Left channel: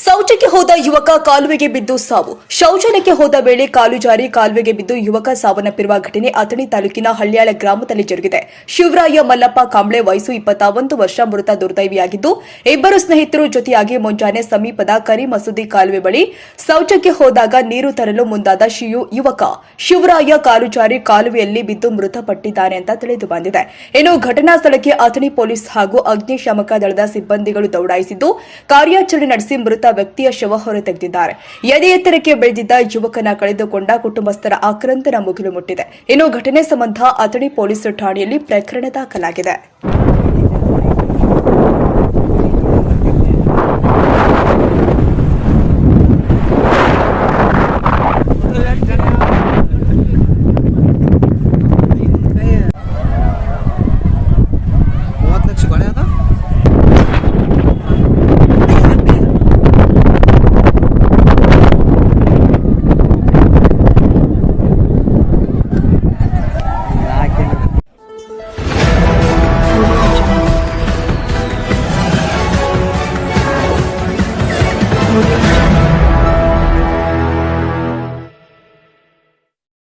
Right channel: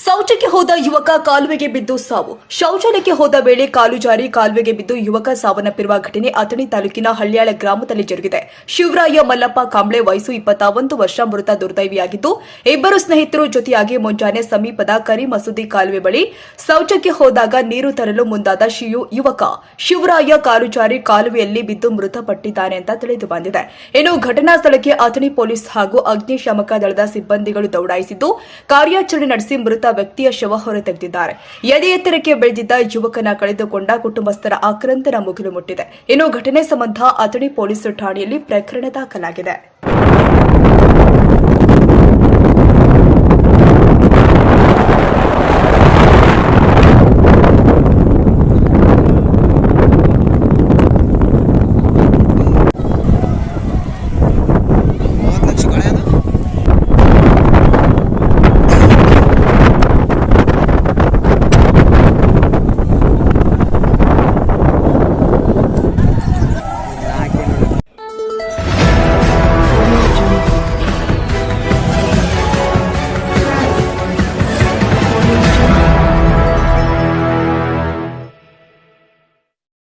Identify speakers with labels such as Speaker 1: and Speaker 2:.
Speaker 1: ಶೌಚಕ್ಕೆ ಹೋದ ಯುವಕ ಕಾಲುವೆಗೆ ಬಿದ್ದು ಸಾವು. ಶೌಚಾಲಯಕ್ಕೆ ಹೋದ ವೇಳೆ ಕಾಲು ಜಾರಿ ಕಾಲುವೆಗೆ ಬಿದ್ದು ಯುವಕ ಸಾವನ್ನಪ್ಪಿರುವ ಘಟನೆ ಅಥಣಿ ತಾಲೂಕಿನ ಹಳ್ಳಿಯಾಳ ಗ್ರಾಮದಲ್ಲಿ ಜರುಗಿದೆ. ಶಿವರಾಯ ಮಲ್ಲಪ್ಪ ಕಾಂಬ್ಳೆ ವಯಸ್ಸು ಇಪ್ಪತ್ತಾವೊಂದು ವರ್ಷ ಮೃತ ದುರ್ದೈವಿಯಾಗಿದ್ದು, ಇಬ್ಬರು ಸ್ನೇಹಿತರು ಜೊತೆಯಾಗಿ ಮುಂಜಾನೆ ಸಮೀಪದ ಕರಿ ಮಸೂದಿ ಕಾಲುವೆ ಬಳಿ ಶೌಚಕ್ಕೆ ಹೋದಾಗ ನೀರು ತರಲು ಮುಂದಾದ ಶಿಯು ಯುವಕ. ಶಿವರಾಯ ಕಾಲು ಜಾರಿ ಕಾಲುವೆಯಲ್ಲಿ ಬಿದ್ದು ಮೃತಪಟ್ಟಿದ್ದಾನೆ ಅಂತ ತಿಳಿದು ಬಂದಿದೆ. ಇನ್ನು ಘಟನಾ ಸ್ಥಳಕ್ಕೆ ಅಥಣಿ ಪೊಲೀಸ್ ಹಾಗೂ ಅಗ್ನಿಶಾಮಕ ದಳದ ಸಿಬ್ಬಂದಿಗಳು ದೌಡಾಯಿಸಿದ್ದು, ಕಾರ್ಯಾಚರಣೆ ನಡೆಸಿ ಮೃತ ವ್ಯಕ್ತಿಯ ಶವ ಹೊರತೆಗೆದಿದ್ದಾರೆ. ಎದೆ ಎತ್ತರಕ್ಕೆ ಬೆಳೆದಿದ್ದ ಯುವಕನ ಕಳೆದುಕೊಂಡ ಕುಟುಂಬಸ್ಥರ ಆಕ್ರಂದನ ಮುಗಿಲು ಮುಟ್ಟಿದೆ. ಇನ್ನು ಘಟನೆ ಸಂಬಂಧ ಅಥಣಿ ಪೊಲೀಸ್ ಠಾಣೆಯಲ್ಲಿ ಪ್ರಕರಣ ದಾಖಲಾಗಿದೆ.